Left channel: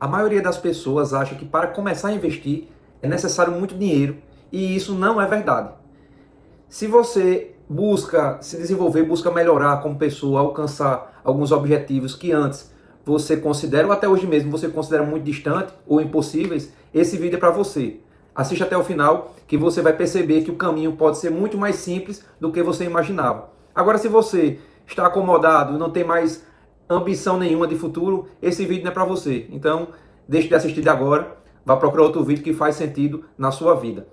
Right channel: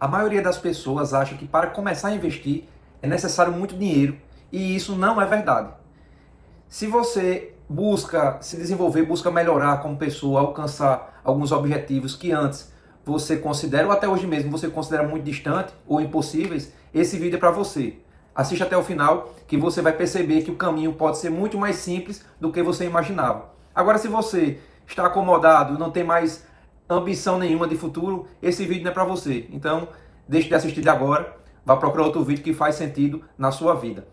A maioria das pessoas acha que para começar a investir é necessário muito dinheiro e isso não é verdade. Se você busca se desenvolver, busca melhorar como pessoa, alcançar alguns objetivos que antes você considera, ou até hoje mesmo você considera muito distante ou impossíveis, esse vídeo é para você. Assiste até o final que você vai perceber que o caminho pode ser muito mais simples do que você imaginava. Agora, se você está acomodado, não tem mais ambição nenhuma de futuro, esse vídeo não é para você. Então, deixe de assistir de agora, vá procurar outro vídeo que faz sentido na sua vida.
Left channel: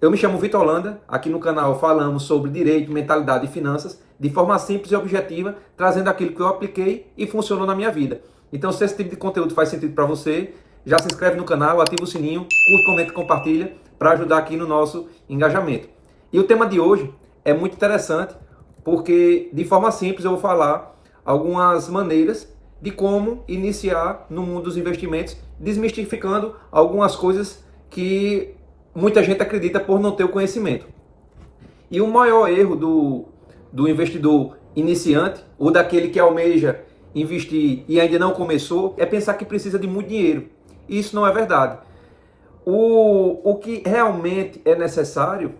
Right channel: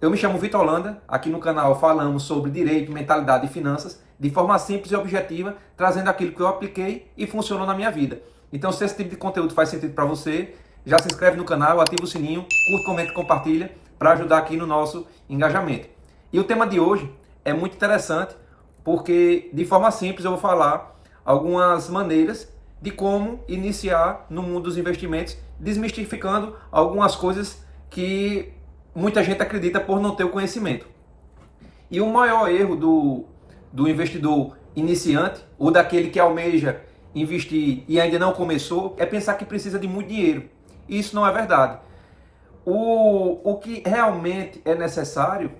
Eu me chamo Vitor Holanda, aqui no canal falamos sobre direito, mentalidade e finanças de forma simples e objetiva, trazendo aquilo que eu apliquei e funcionou na minha vida. Então, se esse tipo de conteúdo faz sentido para você, já se inscreve no canal, ativa o sininho, curte, comenta e compartilha para ajudar aqui no nosso engajamento. E o tema de hoje é muito interessante porque, de forma simples, eu vou falar algumas maneiras de como iniciar no mundo dos investimentos, desmistificando algumas coisas que muita gente acredita por não ter o conhecimento. E o maior erro do investidor iniciante, ou daquele que almeja investir e ainda não começou, é pensar que precisa de muito dinheiro. E isso não é verdade. O que realmente é necessário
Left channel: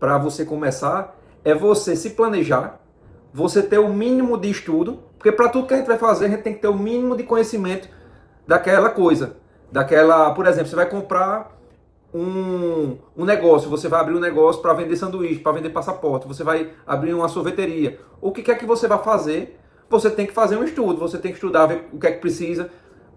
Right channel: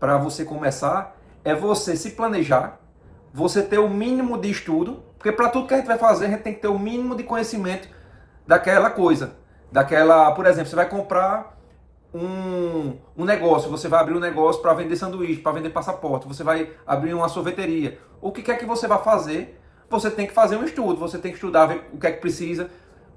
para você começar é você se planejar, você ter o mínimo de estudo, porque para tudo que a gente vai fazer, a gente tem que ter o mínimo de conhecimento daquela coisa. Por exemplo, você vai comprar um negócio, você vai abrir um negócio para vender sanduíche, para vender passaporte, você vai abrir uma sorveteria. O que quer que você vai fazer, você tem que fazer um estudo, você tem que estudar, ver o que é que precisa,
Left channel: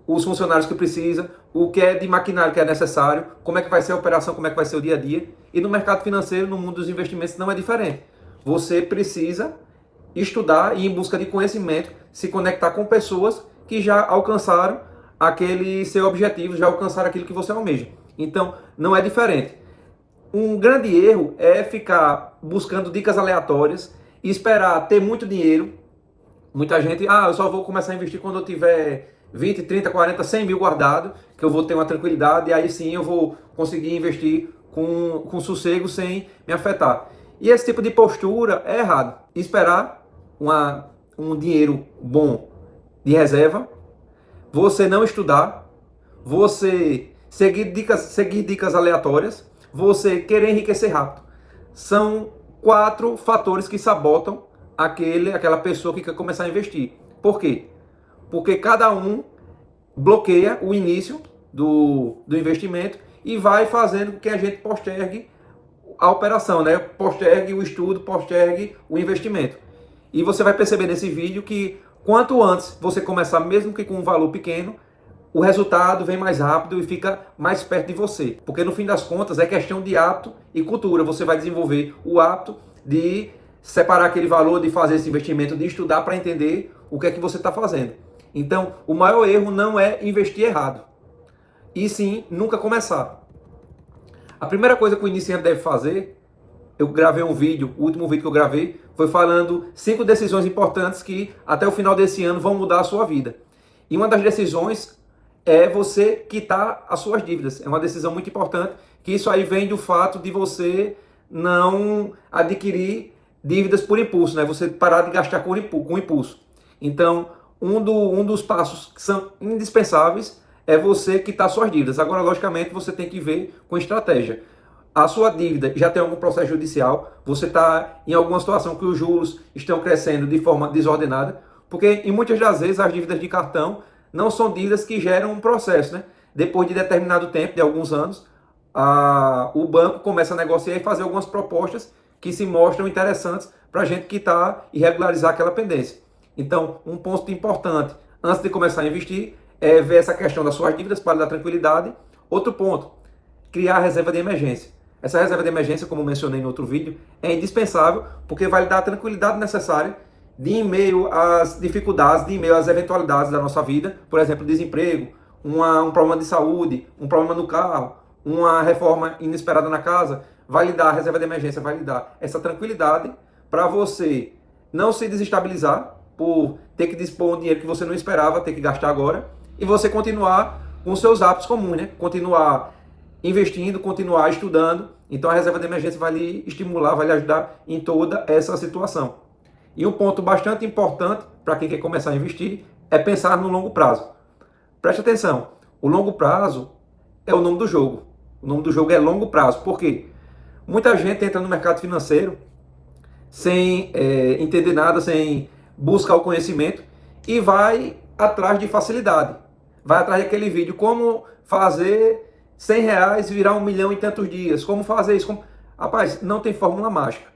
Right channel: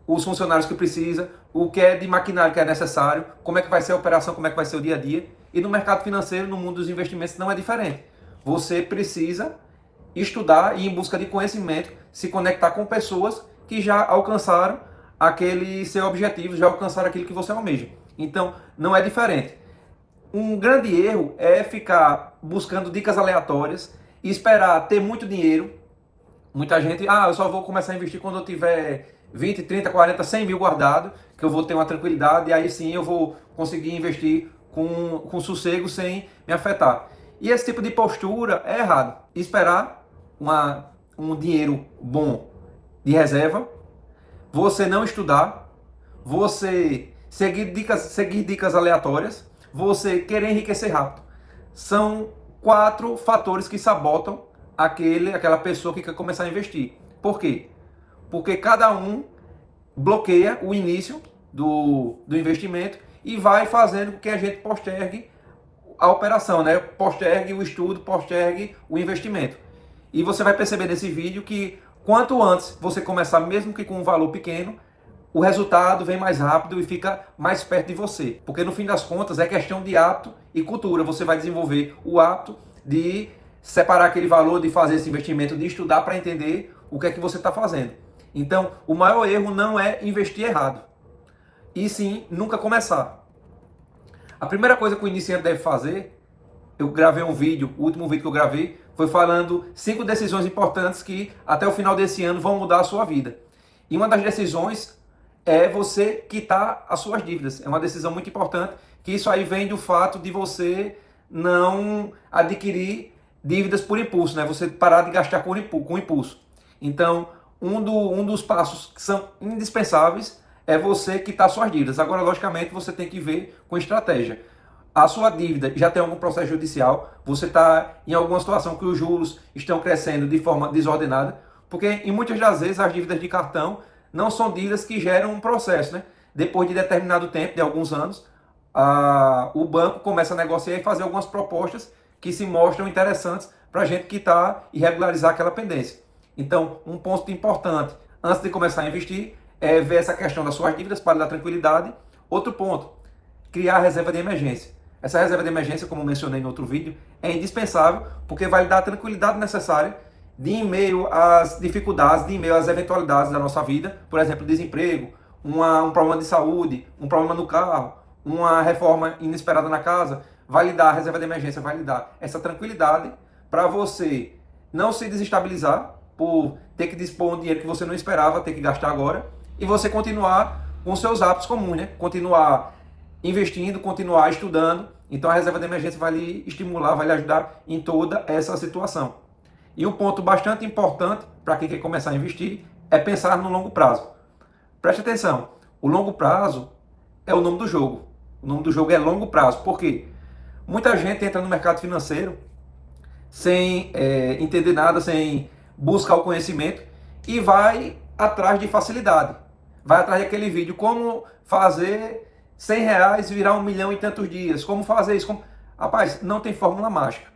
os funcionários que precisa, o que é de maquinário que é necessário, como é que vai ser a operação, como é que vai ser o dia a dia. E no mercado financeiro, no mundo dos investimentos, não é diferente. Você precisa estudar e ir em busca de conhecimento, se conectar com pessoas que já alcançaram aquele seu objetivo, já alcançaram aquilo que você almeja. Então, não é diferente. Um grande erro é ficar buscando dicas aleatórias e esperar ter muito dinheiro. Muita gente, eu só vou começar a investir quando eu tiver 20, 30, 40, 100 mil guardado, que eu vou ter uma tranquilidade e aí sim eu vou conseguir investir com sossego sem me afetar. E esse tipo de postura é errado. Esperar um dinheiro bom de reserva, você não estudar, você seguir dicas aleatórias, você querer enriquecer rápido. São 4 fatores que sabotam aquela pessoa que quer começar a investir. Por quê? Porque cada um bloqueia o início do investimento e vai fazendo com que a gente postergue a operação, né? Postergue o estudo, postergue o investimento. E você vai perceber nesse vídeo que quanto antes você começar, mesmo que com um valor pequeno, o resultado vem mais rápido e fica mais perto de você. Porque no fim das contas é questão de hábito e cultura. Você vai desenvolver o hábito de separar aquele valor, de fazer esse investimento, de estudar para entender o que é que você está fazendo. Então, o maior erro não é investir errado, e sim nunca começar. A primeira coisa que o iniciante deve fazer, eu gravei um vídeo, o último vídeo que eu gravei, foi falando 5 decisões importantes que até o final desse ano vão mudar a sua vida. E uma das decisões é você quitar as suas dívidas. É uma decisão muito importante, que isso aí vem do fato de você não adquirir dívidas por impulso, né? Você parar de gastar com impulso. Então, um dos passos que são indispensáveis é você quitar suas dívidas. Agora, logicamente, você tem que ver com estratégia. A sua dívida já tem algum processo judicial, você está em alguma situação que os juros estão crescendo de forma desordenada, porque em muitas das vezes as dívidas de cartão não são dívidas que geram um processo, né? Depois de determinado tempo, de alguns anos, o banco começa a negociar e fazer algumas propostas que se mostram interessantes para a gente quitar e regularizar aquela pendência. Então, um ponto importante antes de começar a investir é ver essa questão das suas dívidas para dar tranquilidade. Outro ponto, criar a reserva de emergência. Essa reserva de emergência, como mencionei no outro vídeo, é indispensável porque vai lhe dar a tranquilidade necessária de em meio às dificuldades, de em meio às eventualidades da nossa vida, por exemplo, desemprego, um problema de saúde, um problema no carro, uma reforma inesperada na casa, vai lhe dar a reserva de emergência, vai lhe dar essa tranquilidade para você não se desestabilizar por ter que dispor um dinheiro que você não esperava ter que gastar agora e você continuar com seus hábitos comuns, né? Continuar investindo, continuar estudando. Então a reserva de emergência vai lhe estimular, vai lhe ajudar em toda essa situação. E um ponto bastante importante para quem quer começar a investir é pensar no longo prazo. Preste atenção, O longo prazo é o nome do jogo. O nome do jogo é longo prazo. Por quê? Muita gente entra no mercado financeiro sem entender nada, sem buscar o conhecimento e vai atrás de facilidade. Vai atrás daquele vídeo, como fazer R$ 100 virar 1 milhão em tantos dias, como fazer isso. Rapaz, não tem fórmula mágica.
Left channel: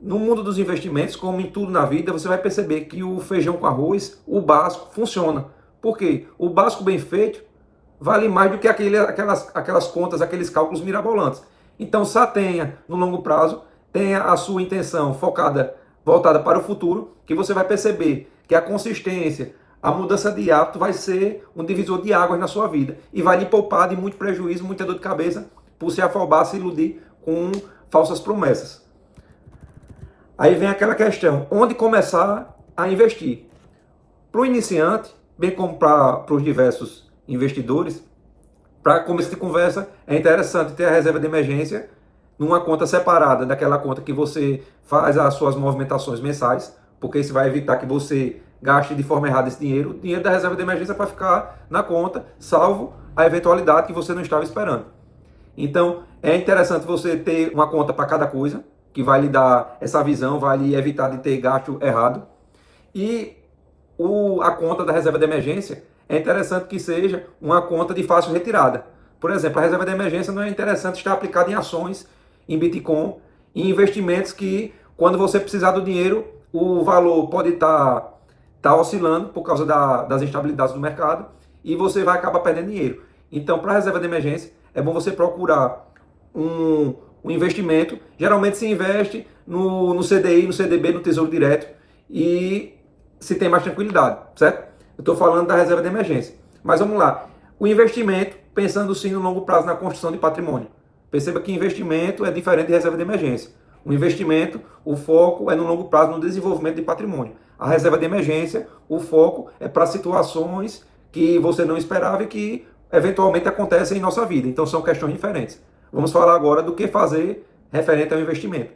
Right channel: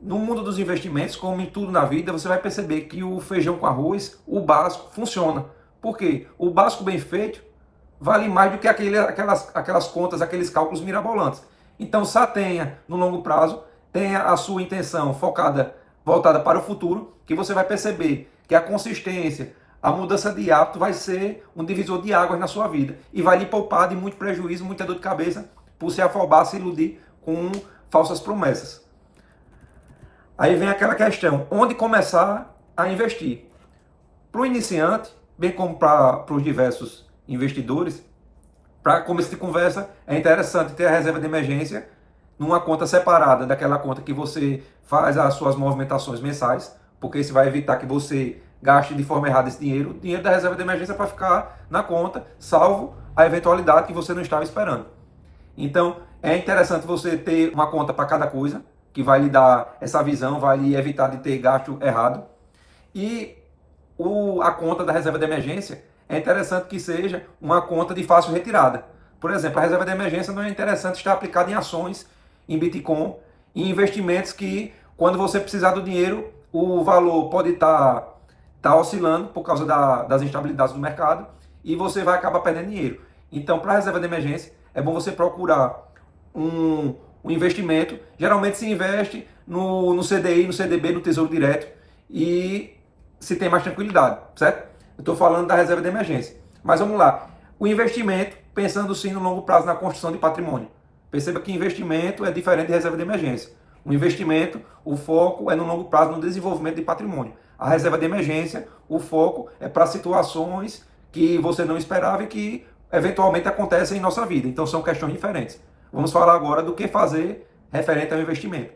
No mundo dos investimentos, como em tudo na vida, você vai perceber que o feijão com arroz, o básico, funciona. Por quê? O básico bem feito vale mais do que aquelas contas, aqueles cálculos mirabolantes. Então, só tenha, no longo prazo, tenha a sua intenção voltada para o futuro, que você vai perceber que a consistência, a mudança de hábito vai ser um divisor de águas na sua vida e vai lhe poupar de muito prejuízo, muita dor de cabeça por se afobar, se iludir com falsas promessas. Aí vem aquela questão, onde começar a investir? Para o iniciante, bem como para os diversos investidores, para começo de conversa, é interessante ter a reserva de emergência numa conta separada daquela conta que você faz as suas movimentações mensais, porque isso vai evitar que você gaste de forma errada esse dinheiro. O dinheiro da reserva de emergência para ficar na conta, salvo a eventualidade que você não estava esperando. Então, é interessante você ter uma conta para cada coisa, que vai lhe dar essa visão, vai lhe evitar de ter gasto errado. E a conta da reserva de emergência é interessante que seja uma conta de fácil retirada. Por exemplo, a reserva de emergência não é interessante estar aplicada em ações, em Bitcoin, em investimentos que, quando você precisar do dinheiro, o valor pode estar oscilando por causa das instabilidades do mercado e você vai acabar perdendo dinheiro. Então, para a reserva de emergência, é bom você procurar um investimento. Geralmente se investe no CDI, no CDB, no Tesouro Direto e se tem mais tranquilidade, certo? Eu estou falando da reserva de emergência. Mas vamos lá. O investimento, pensando sim no longo prazo na construção de patrimônio. Perceba que investimento é diferente de reserva de emergência. O investimento, o foco é no longo prazo no desenvolvimento de patrimônio. A reserva de emergência, o foco é para situações que você não esperava e que eventualmente acontecem em nossa vida. Então são questões diferentes. Vamos falar agora do que fazer referente ao investimento.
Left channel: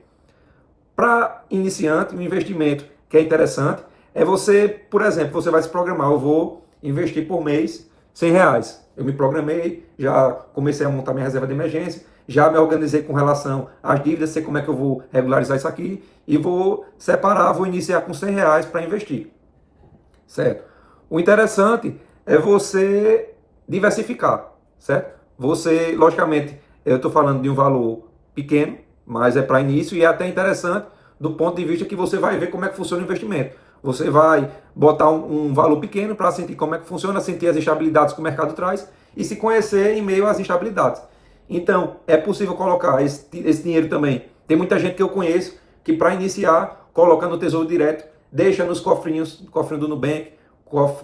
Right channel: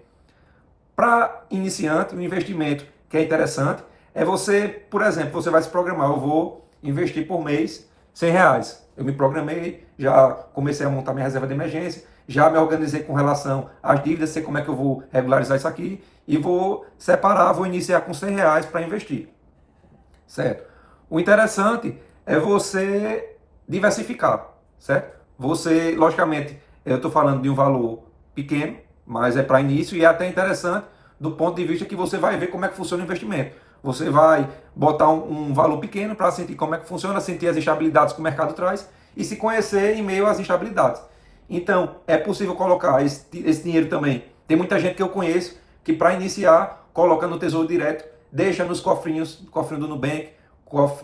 Para iniciante, um investimento que é interessante é você, por exemplo, você vai se programar, eu vou investir por mês R$ 100. Eu me programei, já comecei a montar minha reserva de emergência, já me organizei com relação às dívidas, sei como é que eu vou regularizar isso aqui e vou separar, vou iniciar com R$ 100 para investir. Certo? O interessante é você diversificar, certo? Você, logicamente, eu estou falando de um valor pequeno, mas é para início e é até interessante do ponto de vista que você vai ver como é que funciona o investimento. Você vai botar um valor pequeno para sentir como é que funciona, sentir as instabilidades que o mercado traz e se conhecer em meio às instabilidades. Então, é possível colocar esse dinheiro também. Tem muita gente que eu conheço que para iniciar, coloca no Tesouro Direto, deixa nos cofrinhos, cofrinho do Nubank,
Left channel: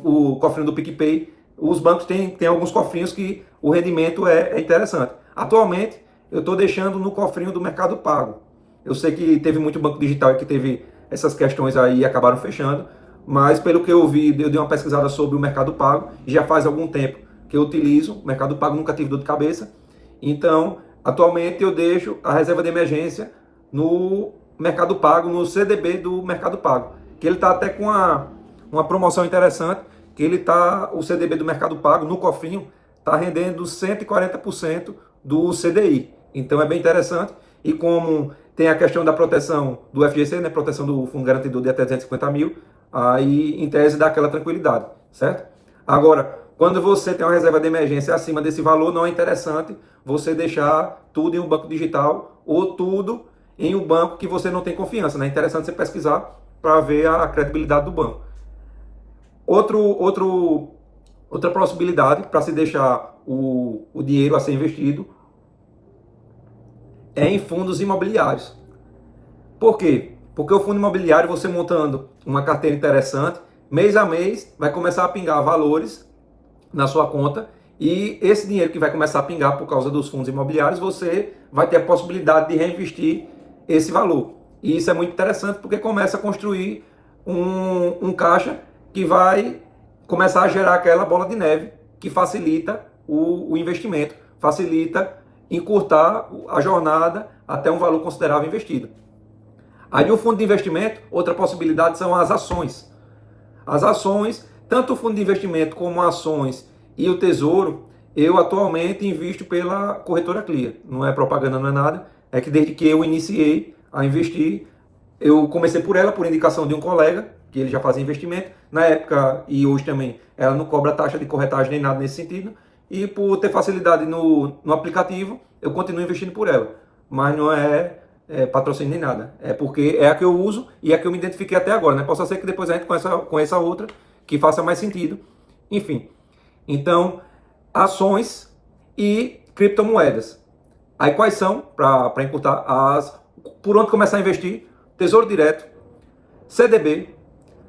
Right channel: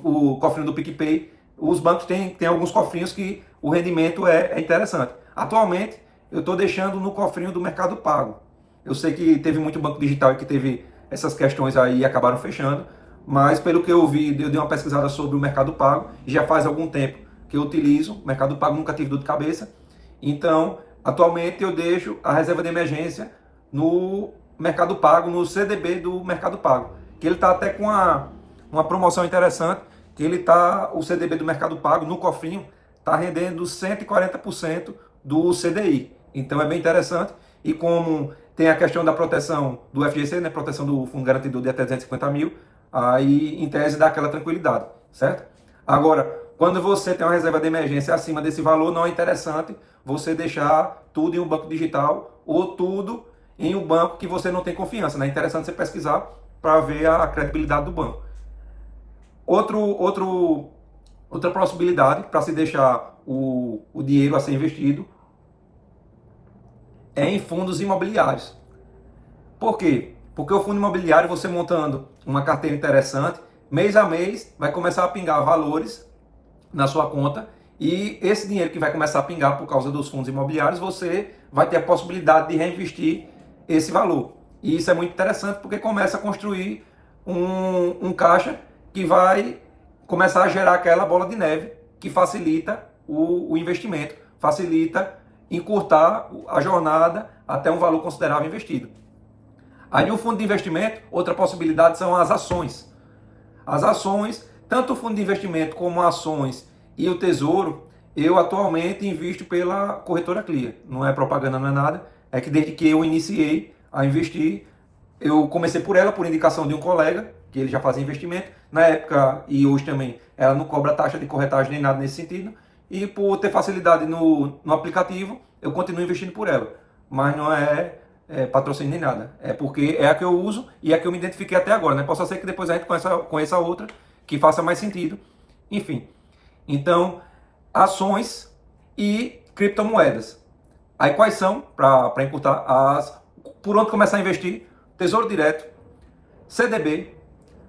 o cofrinho do PicPay. Os bancos têm alguns cofrinhos que o rendimento é interessante. Atualmente, eu estou deixando no cofrinho do Mercado Pago. Eu sei que teve muito banco digital que teve essas questões aí e acabaram fechando, mas pelo que eu vi, eu dei uma pesquisada sobre o Mercado Pago, e já faz algum tempo que eu utilizo o Mercado Pago, nunca tive dor de cabeça. Então, atualmente eu deixo a reserva de emergência no Mercado Pago, no CDB do Mercado Pago, que ele está até com uma promoção interessante, que o CDB do Mercado Pago, no cofrinho, está rendendo 140% do CDI. Então é bem interessante. E como tem a questão da proteção do FGC, né, proteção do Fundo Garantidor de até 250 mil, aí em tese dá aquela tranquilidade, certo? Agora, quando você tem uma reserva de emergência acima desse valor, não é interessante você deixar tudo em um banco digital ou tudo em um banco que você não tem confiança, né? É interessante você pesquisar para ver a credibilidade do banco. Outra possibilidade para se deixar o dinheiro a ser investido é em fundos imobiliários. Por quê? Porque o fundo imobiliário, você montando uma carteira interessante, mês a mês vai começar a pingar valores na sua conta e esse dinheiro que vai começar a pingar por causa dos fundos imobiliários, você vai ter a possibilidade de reinvestir esse valor. E isso é muito interessante porque começa a construir um caixa que vai começar a gerar aquela bola de neve que facilita o investimento, facilita encurtar a jornada até um valor considerável investido. Aí o fundo de investimento, outra possibilidade são as ações. As ações, tanto o fundo de investimento como ações E o Tesouro, eu atualmente invisto pela corretora Clear. Não é propaganda, não é nada. É que desde que eu iniciei a investir, eu comecei por ela, por indicação de um colega, que ele já fazia investimento. Na época, e hoje também, ela não cobra taxa de corretagem nem nada nesse sentido. E por ter facilidade no aplicativo, eu continuo investindo por ela. Mas não é patrocínio nem nada. É porque é a que eu uso e é a que eu me identifiquei até agora, né? Possa ser que depois a gente conheça outra que faça mais sentido. Enfim. Então, ações e criptomoedas. Aí quais são, para encurtar, por onde começar a investir? Tesouro Direto, CDB,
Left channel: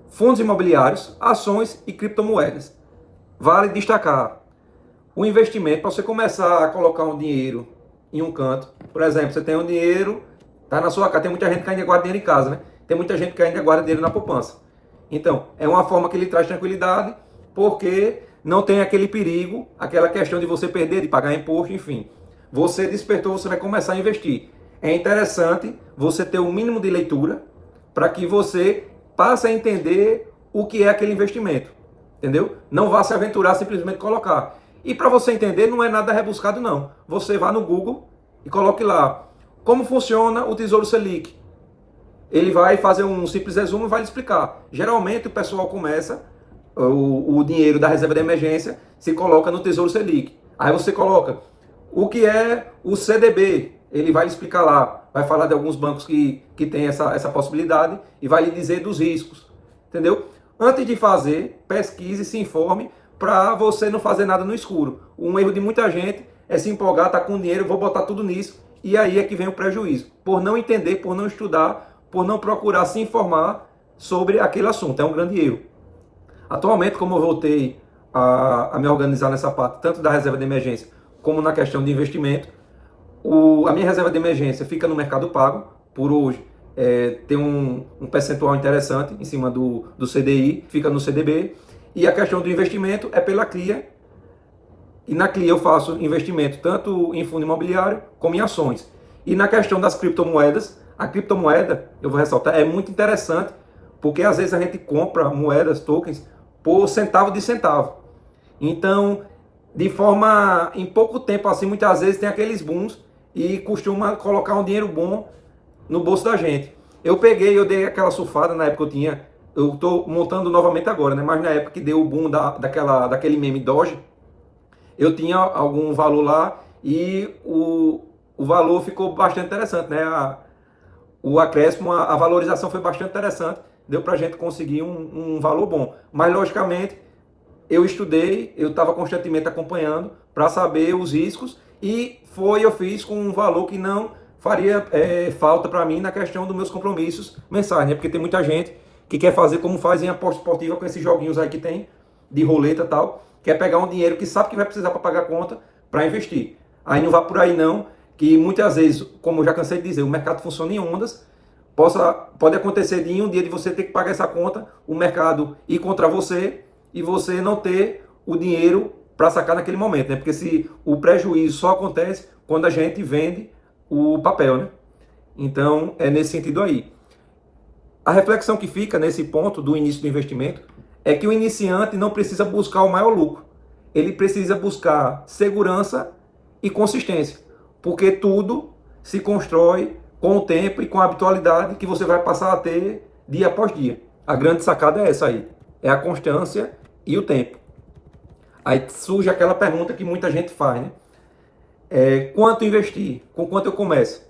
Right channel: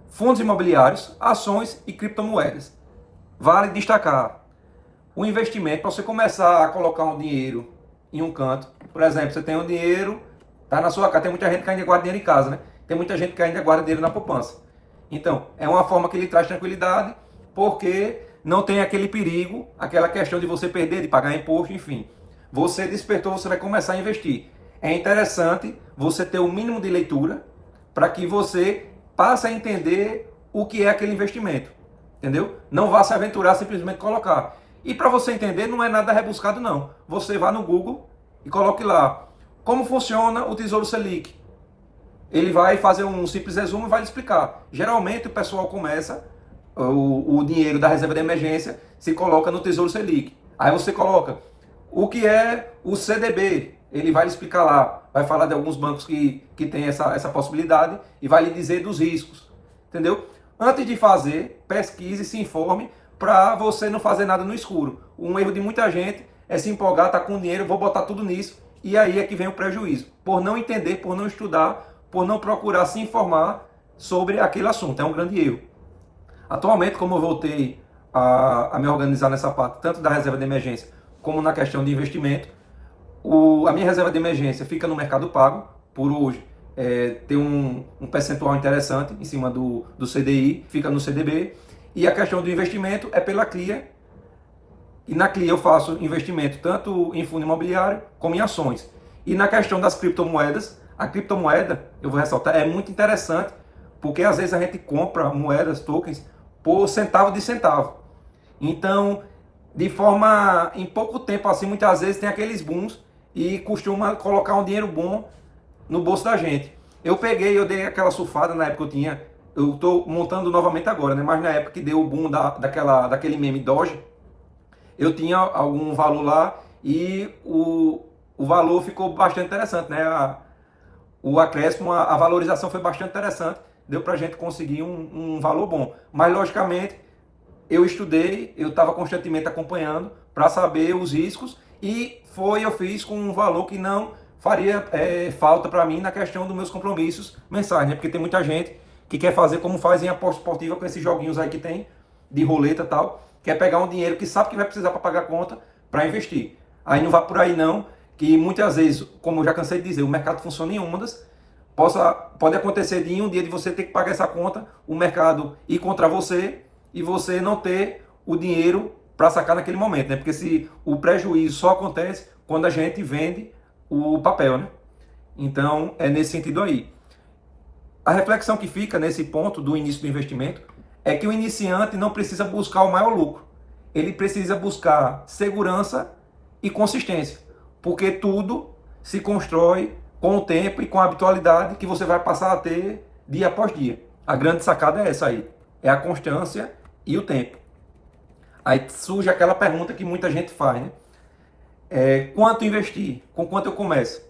fundos imobiliários, ações e criptomoedas. Vale destacar o investimento para você começar a colocar um dinheiro em um canto. Por exemplo, você tem um dinheiro, tá na sua casa. Tem muita gente que ainda guarda dinheiro em casa, né? Tem muita gente que ainda guarda dinheiro na poupança. Então, é uma forma que lhe traz tranquilidade, porque não tem aquele perigo, aquela questão de você perder, de pagar imposto, enfim. Você despertou, você vai começar a investir. É interessante você ter o mínimo de leitura para que você passe a entender o que é aquele investimento. Entendeu? Não vá se aventurar simplesmente colocar. E para você entender, não é nada rebuscado, não. Você vá no Google e coloque lá como funciona o Tesouro Selic. Ele vai fazer um simples resumo e vai lhe explicar. Geralmente o pessoal começa, o dinheiro da reserva de emergência se coloca no Tesouro Selic. Aí você coloca o que é o CDB. Ele vai lhe explicar lá. Vai falar de alguns bancos que tem essa possibilidade e vai lhe dizer dos riscos. Entendeu? Antes de fazer, pesquise, se informe para você não fazer nada no escuro. Um erro de muita gente é se empolgar, tá com dinheiro, vou botar tudo nisso. E aí é que vem o prejuízo. Por não entender, por não estudar, por não procurar se informar sobre aquele assunto. É um grande erro. Atualmente, como eu voltei a me organizar nessa parte, tanto da reserva de emergência como na questão de investimento, a minha reserva de emergência fica no Mercado Pago, por hoje. Tem um percentual interessante em cima do CDI, fica no CDB. E a questão do investimento é pela Clear. E na Clear eu faço investimento tanto em fundo imobiliário como em ações. E na questão das criptomoedas, a criptomoeda, eu vou ressaltar, é muito interessante, porque às vezes a gente compra moedas, tokens, por centavo de centavo. Então, em pouco tempo, assim, muitas vezes tem aqueles booms e costuma colocar um dinheiro bom no bolso da gente. Eu dei aquela surfada, na época eu tô montando novamente agora, né? Mas na época que deu o boom daquele meme Doge, eu tinha algum valor lá e o valor ficou bastante interessante, né? O acréscimo, a valorização foi bastante interessante, deu pra gente conseguir um valor bom. Mas, logicamente, eu estudei, eu estava constantemente acompanhando para saber os riscos e eu fiz com um valor que não faria falta para mim na questão dos meus compromissos mensais, né? Porque tem muita gente que quer fazer como faz em aposta esportiva com esses joguinhos aí que tem, de roleta e tal, quer pegar um dinheiro que sabe que vai precisar para pagar a conta para investir. Aí não vá por aí não, que muitas vezes, como eu já cansei de dizer, o mercado funciona em ondas, pode acontecer de em um dia de você ter que pagar essa conta, o mercado ir contra você e você não ter o dinheiro para sacar naquele momento, né? Porque se o prejuízo só acontece quando a gente vende o papel, né? Então, é nesse sentido aí. A reflexão que fica nesse ponto do início do investimento é que o iniciante não precisa buscar o maior lucro. Ele precisa buscar segurança e consistência, porque tudo se constrói com o tempo e com a habitualidade que você vai passar a ter dia após dia. A grande sacada é essa aí, é a constância e o tempo. Aí surge aquela pergunta que muita gente faz, né? Quanto investir? Com quanto eu começo?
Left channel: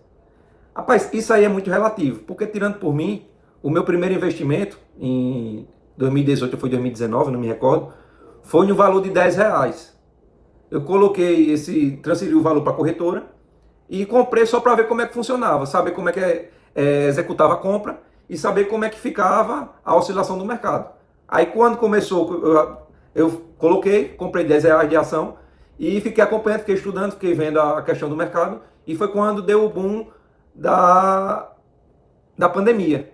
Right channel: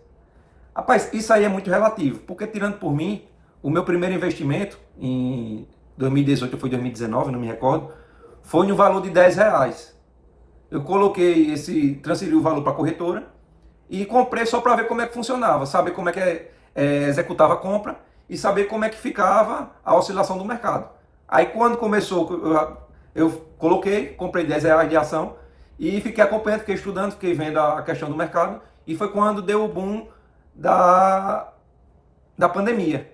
Rapaz, isso aí é muito relativo, porque tirando por mim, o meu primeiro investimento, em 2018 ou foi 2019, não me recordo, foi no valor de R$10. Eu transferi o valor para a corretora e comprei só para ver como é que funcionava, saber como é que executava a compra e saber como é que ficava a oscilação do mercado. Aí quando começou, eu comprei R$10 de ação e fiquei acompanhando, fiquei estudando, fiquei vendo a questão do mercado e foi quando deu o boom da pandemia.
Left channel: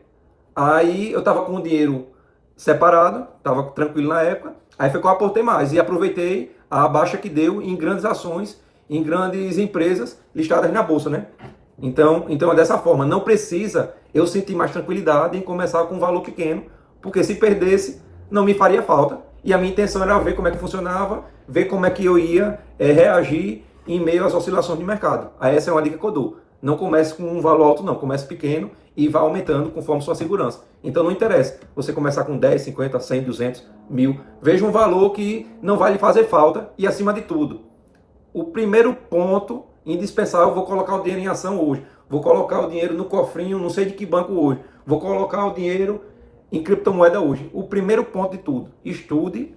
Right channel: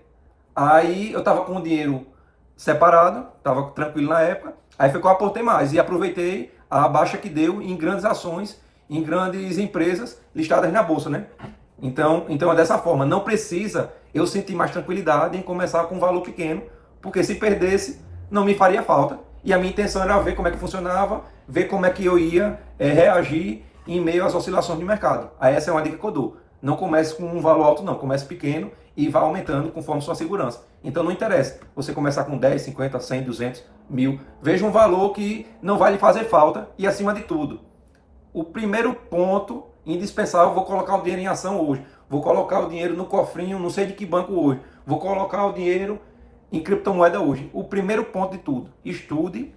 Aí eu estava com o dinheiro separado, estava tranquilo na época, aí foi que eu aportei mais e aproveitei a baixa que deu em grandes ações, em grandes empresas listadas na bolsa, né? Então é dessa forma, não precisa eu sentir mais tranquilidade em começar com um valor pequeno, porque se perdesse, não me faria falta. E a minha intenção era ver como é que funcionava, ver como é que eu ia reagir em meio às oscilações de mercado. Aí essa é uma dica que eu dou. Não comece com um valor alto não, comece pequeno e vá aumentando conforme sua segurança. Então não interessa você começar com 10, 50, 100, 200, 1000. Veja um valor que não vai lhe fazer falta e acima de tudo, o primeiro ponto indispensável, vou colocar o dinheiro em ação hoje. Vou colocar o dinheiro no cofrinho, não sei de que banco hoje. Vou colocar o dinheiro em criptomoeda hoje. O primeiro ponto de tudo, estude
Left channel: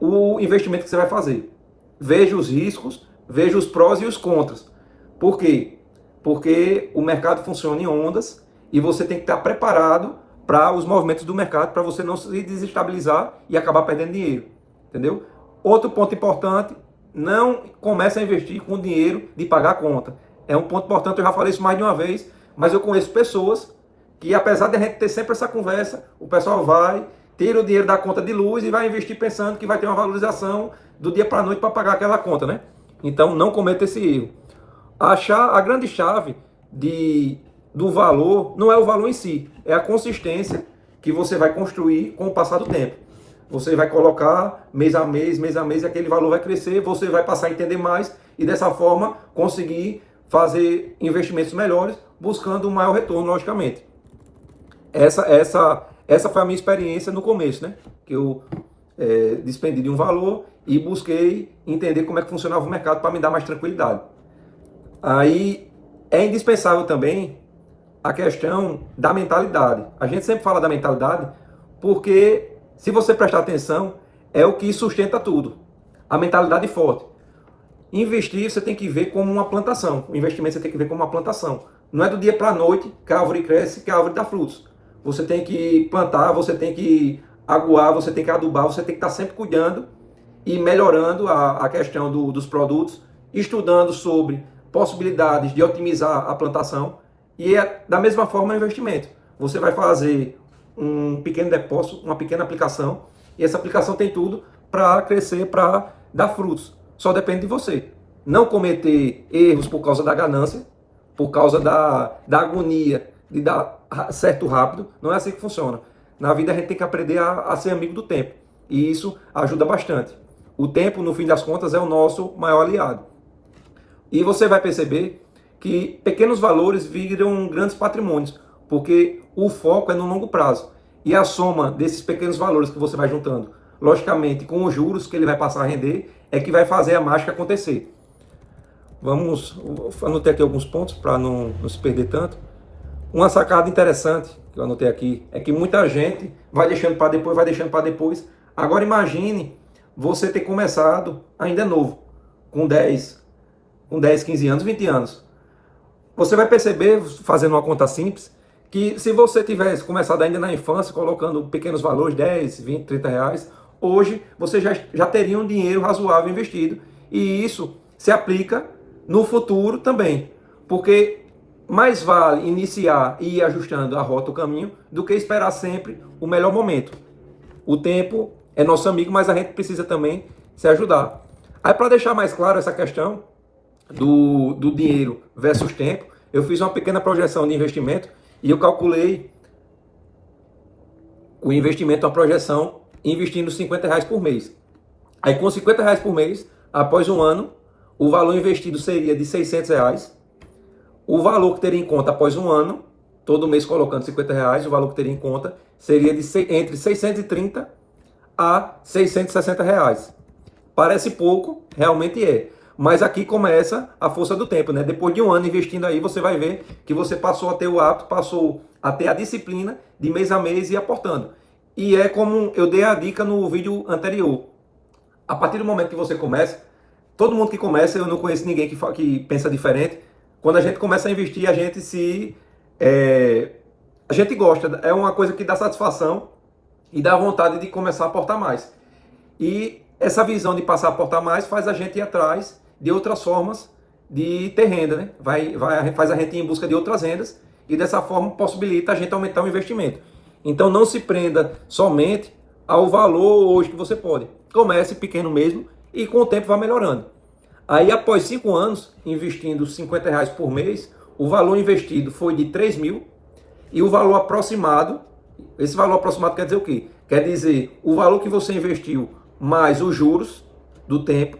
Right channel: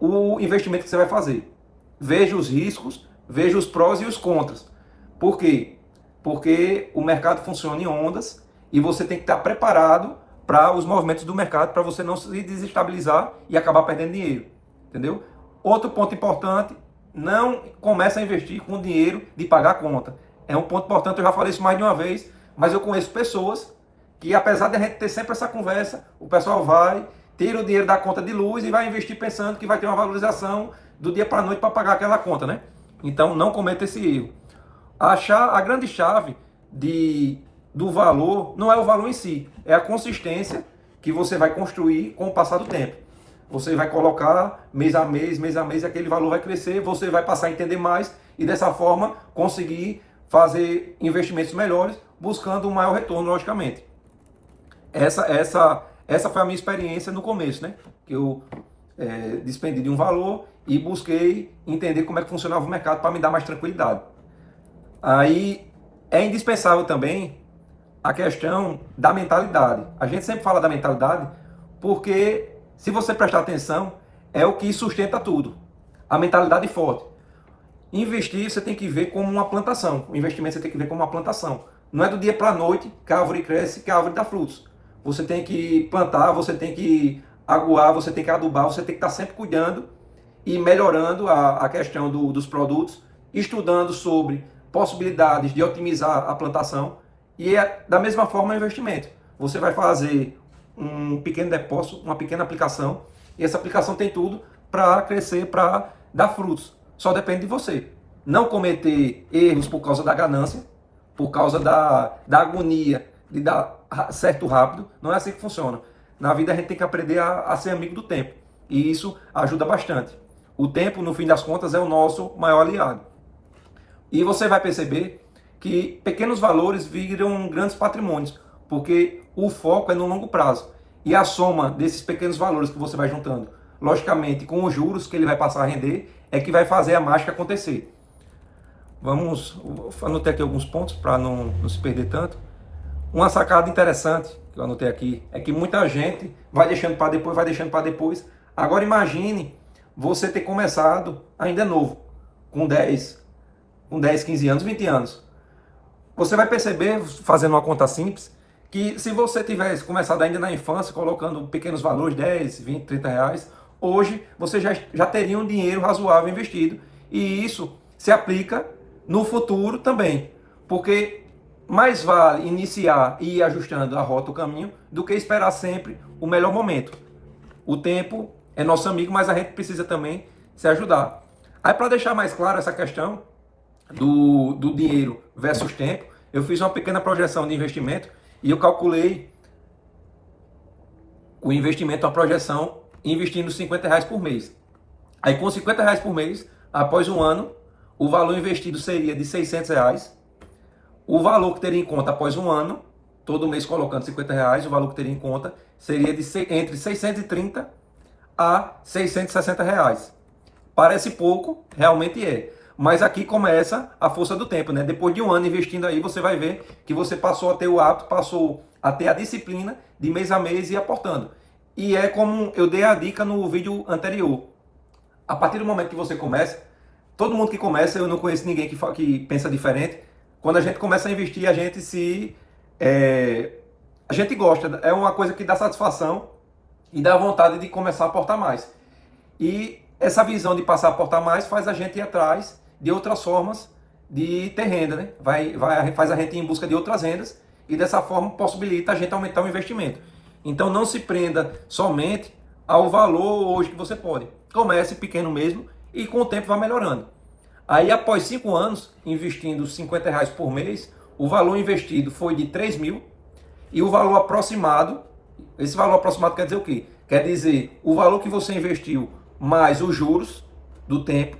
o investimento que você vai fazer. Veja os riscos, veja os prós e os contras. Por quê? Porque o mercado funciona em ondas e você tem que estar preparado para os movimentos do mercado, para você não se desestabilizar e acabar perdendo dinheiro. Entendeu? Outro ponto importante, não comece a investir com dinheiro de pagar a conta. É um ponto importante, eu já falei isso mais de uma vez, mas eu conheço pessoas que, apesar de a gente ter sempre essa conversa, o pessoal vai, tira o dinheiro da conta de luz e vai investir pensando que vai ter uma valorização do dia para a noite para pagar aquela conta, né? Então não cometa esse erro. A grande chave do valor não é o valor em si, é a consistência que você vai construir com o passar do tempo. Você vai colocar mês a mês, e aquele valor vai crescer, você vai passar a entender mais e dessa forma conseguir fazer investimentos melhores, buscando um maior retorno, logicamente. Essa foi a minha experiência no começo, né? Que eu despendi de um valor e busquei entender como é que funcionava o mercado para me dar mais tranquilidade. Aí é indispensável também a questão da mentalidade. A gente sempre fala da mentalidade porque, se você prestar atenção, é o que sustenta tudo. A mentalidade forte. Investir você tem que ver como uma plantação. O investimento você tem que ver como uma plantação. Não é do dia para a noite que a árvore cresce, que a árvore dá frutos. Você tem que plantar, você tem que aguar, você tem que adubar, você tem que estar sempre cuidando e melhorando a questão dos produtos, estudando sobre possibilidades de otimizar a plantação. E da mesma forma o investimento. Você vai fazer um pequeno depósito, uma pequena aplicação, e essa aplicação tem tudo para crescer, para dar frutos. Só depende de você. Não cometer erros por causa da ganância, por causa da agonia de dar certo rápido. Não é assim que funciona. Na vida a gente tem que aprender a ser amigo do tempo. E isso ajuda bastante. O tempo, no fim das contas, é o nosso maior aliado. E você vai perceber que pequenos valores viram grandes patrimônios, porque o foco é no longo prazo. E a soma desses pequenos valores que você vai juntando, logicamente com os juros que ele vai passar a render, é que vai fazer a mágica acontecer. Anotei aqui alguns pontos para não se perder tanto. Uma sacada interessante que eu anotei aqui é que muita gente vai deixando para depois, Agora imagine você ter começado ainda novo, com 10, 15 anos, 20 anos. Você vai perceber, fazendo uma conta simples, que se você tivesse começado ainda na infância, colocando pequenos valores, 10, 20, 30 reais, hoje você já teria um dinheiro razoável investido. E isso se aplica no futuro também. Porque mais vale iniciar e ir ajustando a rota, o caminho, do que esperar sempre o melhor momento. O tempo é nosso amigo, mas a gente precisa também se ajudar. Aí, para deixar mais claro essa questão do dinheiro versus tempo, eu fiz uma pequena projeção de investimento e eu calculei o investimento, uma projeção, investindo R$50 por mês. Aí com R$50 por mês, após um ano, o valor investido seria de R$600. O valor que teria em conta após um ano, todo mês colocando R$50, o valor que teria em conta seria entre 630 a R$660. Parece pouco, realmente é. Mas aqui começa a força do tempo, né? Depois de um ano investindo aí, você vai ver que você passou a ter o hábito, passou a ter a disciplina de mês a mês e aportando. E é como eu dei a dica no vídeo anterior. A partir do momento que você começa, todo mundo que começa, eu não conheço ninguém que pensa diferente. Quando a gente começa a investir, a gente gosta. É uma coisa que dá satisfação e dá vontade de começar a aportar mais. E essa visão de passar a aportar mais faz a gente ir atrás de outras formas de ter renda, né? Faz a gente ir em busca de outras rendas e dessa forma possibilita a gente aumentar o investimento. Então não se prenda somente ao valor hoje que você pode. Comece pequeno mesmo e com o tempo vai melhorando. Aí após 5 anos, investindo R$50 por mês, o valor investido foi de 3 mil e o valor aproximado, esse valor aproximado quer dizer o quê? Quer dizer o valor que você investiu mais os juros, do tempo,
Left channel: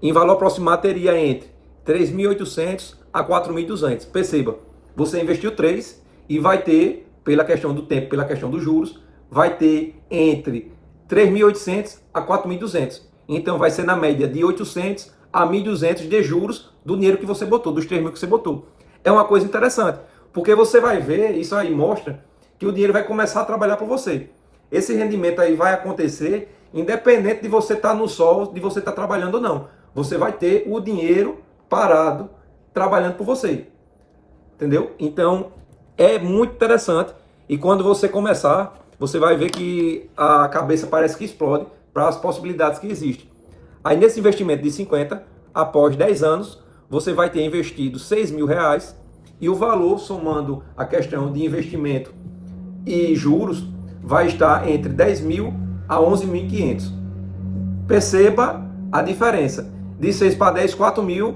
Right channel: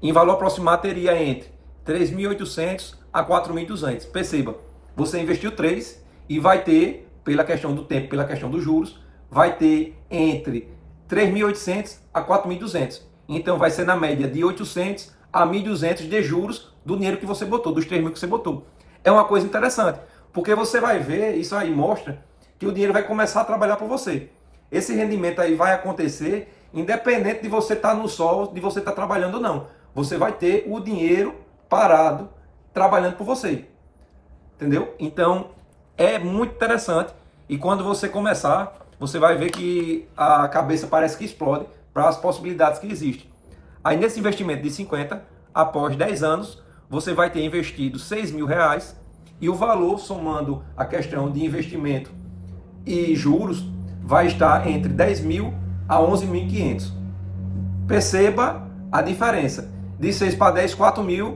em valor aproximado teria entre 3.800 a 4.200. Perceba, você investiu 3 e vai ter, pela questão do tempo, pela questão dos juros, vai ter entre 3.800 a 4.200. Então vai ser na média de 800 a 1.200 de juros do dinheiro que você botou, dos 3.000 que você botou. É uma coisa interessante, porque você vai ver, isso aí mostra que o dinheiro vai começar a trabalhar por você. Esse rendimento aí vai acontecer independente de você estar no sol, de você estar trabalhando ou não. Você vai ter o dinheiro parado trabalhando por você. Entendeu? Então, é muito interessante. E quando você começar, você vai ver que a cabeça parece que explode para as possibilidades que existem. Aí, nesse investimento de 50, após 10 anos, você vai ter investido R$6.000 e o valor, somando a questão de investimento e juros, vai estar entre 10.000 a 11.500. Perceba a diferença. De 6 para 10, 4.000.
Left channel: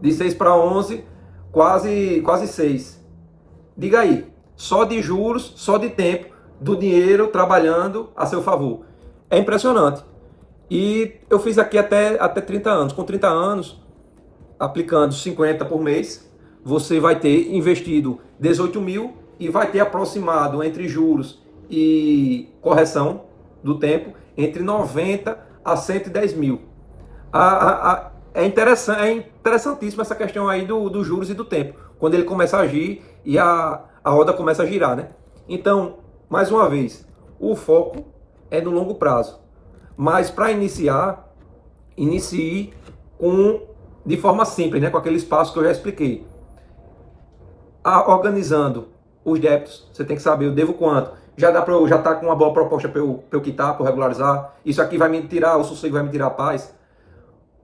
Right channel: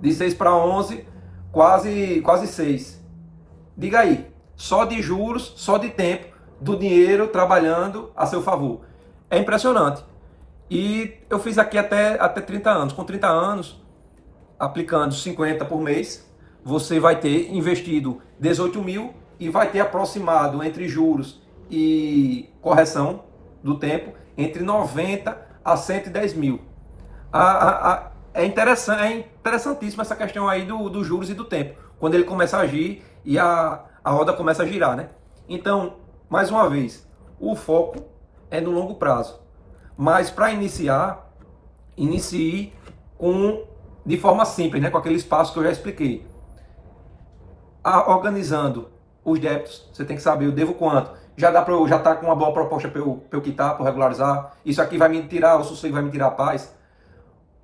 De 6 para 11, quase 6. Diga aí, só de juros, só de tempo, do dinheiro trabalhando a seu favor. É impressionante. E eu fiz aqui até 30 anos. Com 30 anos, aplicando 50 por mês, você vai ter investido 18.000 e vai ter aproximado entre juros e correção do tempo entre 90 a 110.000. É interessantíssima essa questão aí dos juros e do tempo, quando ele começa a agir e a roda começa a girar, né? Então, mais uma vez, o foco é no longo prazo. Mas para iniciar, inicie de forma simples, né? Com aqueles passos que eu já expliquei. Organizando os débitos, você tem que saber, eu devo quanto. Já tá com uma boa proposta para eu quitar, para regularizar. Isso aqui vai me tirar o sossego, vai me tirar a paz.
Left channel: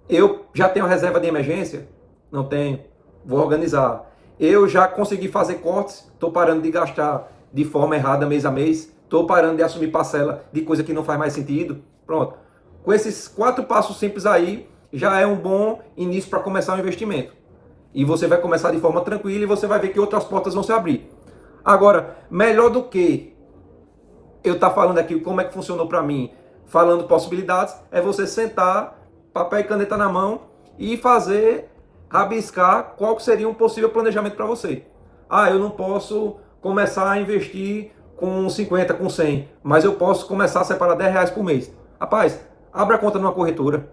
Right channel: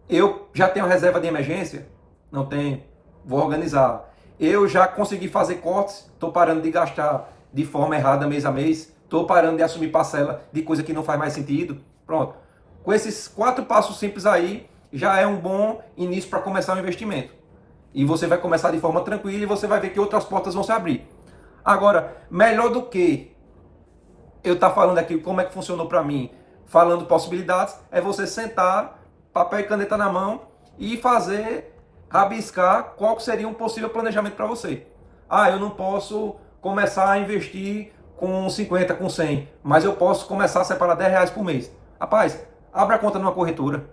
Eu já tenho reserva de emergência? Não tenho. Vou organizar. Eu já consegui fazer cortes? Estou parando de gastar de forma errada mês a mês? Estou parando de assumir parcela de coisa que não faz mais sentido? Pronto. Com esses 4 passos simples aí, já é um bom início para começar o investimento. E você vai começar de forma tranquila e você vai ver que outras portas vão se abrir. Agora, melhor do que eu estar falando aqui como é que funcionou para mim, falando possibilidades, é você sentar, papel e caneta na mão e rabiscar qual seria um possível planejamento para você. Eu não posso começar a investir com 50, com 100, mas eu posso começar a separar R$10 por mês. Rapaz, abra a conta numa corretora,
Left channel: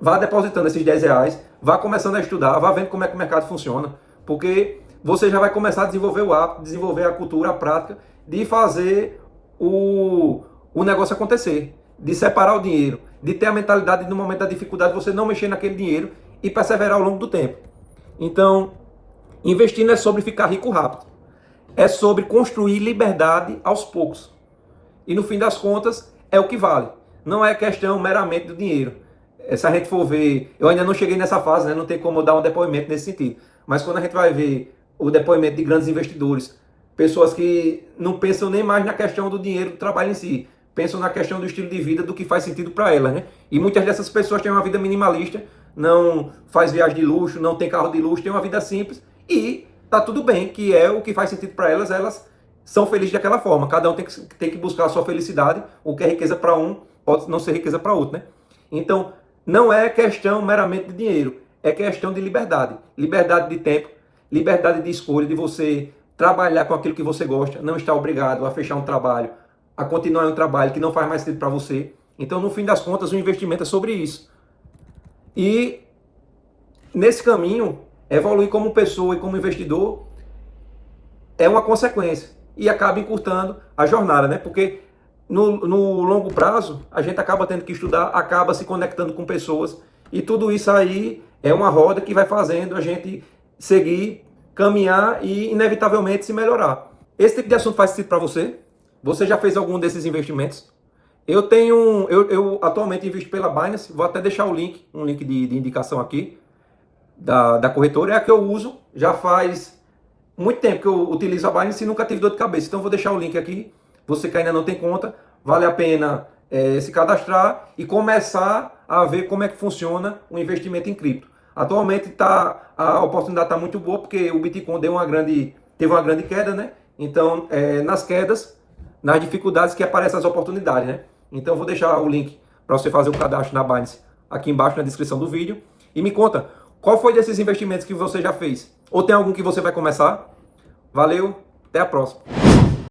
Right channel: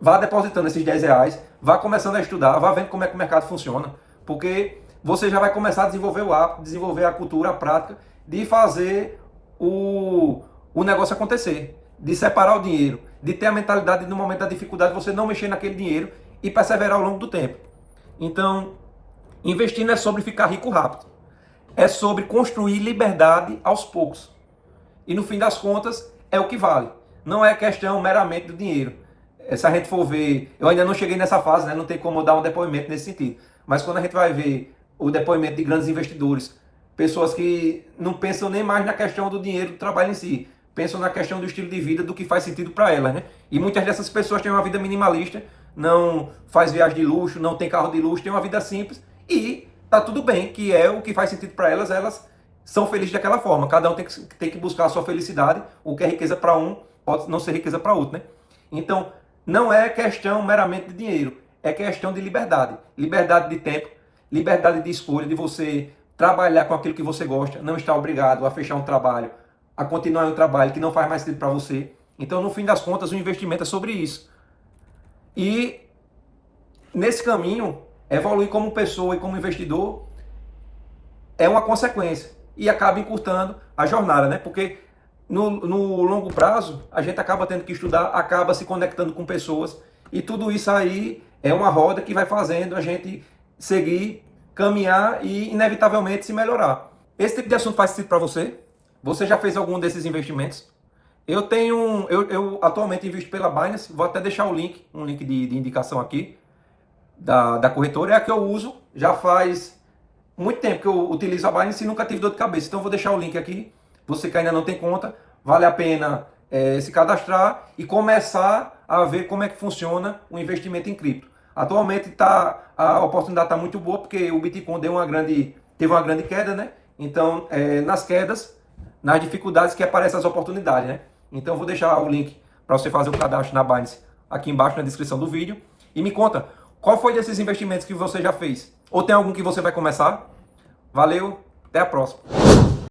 vá depositando esses R$10, vá começando a estudar, vá vendo como é que o mercado funciona, porque você já vai começar a desenvolver o hábito, desenvolver a cultura, a prática de fazer o negócio acontecer, de separar o dinheiro, de ter a mentalidade de no momento da dificuldade você não mexer naquele dinheiro e perseverar ao longo do tempo. Então, investir não é sobre ficar rico rápido, é sobre construir liberdade aos poucos. E no fim das contas, é o que vale. Não é questão meramente do dinheiro. Se a gente for ver, eu ainda não cheguei nessa fase, né? Não tem como eu dar um depoimento nesse sentido. Mas quando a gente vai ver o depoimento de grandes investidores, pessoas que não pensam nem mais na questão do dinheiro, do trabalho em si, pensam na questão do estilo de vida, do que faz sentido para elas, né? E muitas dessas pessoas têm uma vida minimalista, não faz viagem de luxo, não tem carro de luxo, tem uma vida simples e tá tudo bem, que é o que faz sentido para elas, elas são felizes daquela forma. Cada um tem que buscar a sua felicidade, o que é riqueza para um pode não ser riqueza para outro, né? Então, não é questão meramente de dinheiro, é questão de liberdade. Liberdade de tempo, liberdade de escolha, de você trabalhar com aquilo que você gosta, não estar obrigado a fechar um trabalho, a continuar em um trabalho que não faz mais sentido para você. Então, no fim das contas, o investimento é sobre isso. E, nesse caminho, evoluir como pessoa e como investidor é uma consequência. E acaba encurtando a jornada, né? Porque no longo prazo, a gente acaba tendo que estudar, acaba se conectando com pessoas. E tudo isso aí é uma roda que vai fazendo a gente seguir, caminhar e, inevitavelmente, se melhorar. Esse tipo de assunto faz sentido para você? Você já fez algum desses investimentos? Eu atualmente invisto pela Binance, vou até deixar um link de indicação aqui, da corretora, é a que eu uso, já faz muito tempo que eu utilizo a Binance e nunca tive dor de cabeça. Então eu vou deixar o link aqui, você que ainda não tem conta, vale a pena se cadastrar e começar a ver como é que funciona o investimento em cripto. Atualmente a oportunidade está muito boa, porque o Bitcoin teve uma grande queda, né? Então, nas quedas, nas dificuldades que aparecem as oportunidades, né? Então, eu vou deixar o link para você fazer o cadastro na Binance aqui embaixo na descrição do vídeo. E me conta, qual foi desses investimentos que você já fez? Ou tem algum que você vai começar? Valeu, até a próxima.